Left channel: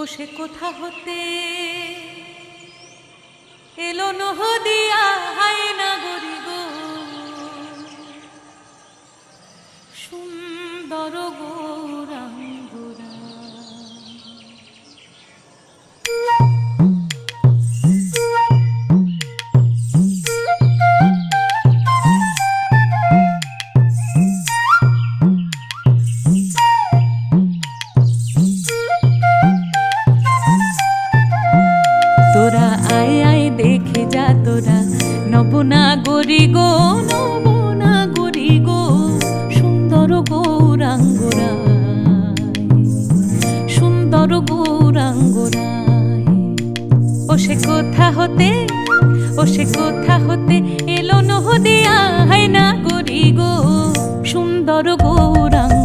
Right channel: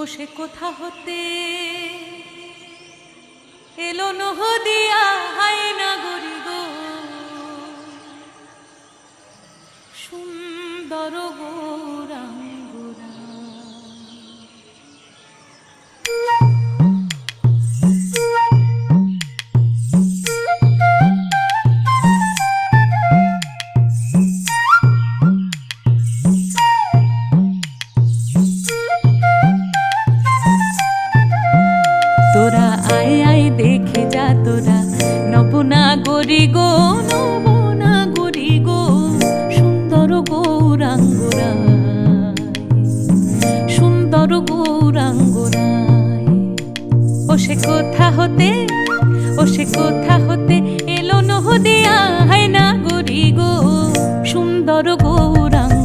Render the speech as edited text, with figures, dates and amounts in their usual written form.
ও সে কোথা হতে এলো নহদিয়া হায়না গরি গো, সুন্দর গৌরাঙ্গুরা। তোরা আয় আয় দেখে যা তোরা নবনাগরী গো, নবনাগরী গো, সুন্দর গৌরাঙ্গরায়, সুন্দর গৌরাঙ্গরায়। ও সে কোথা হতে, ও সে কোথা হতে এলো নহদিয়া হায়না গরি গো, সুন্দর গৌরাঙ্গ।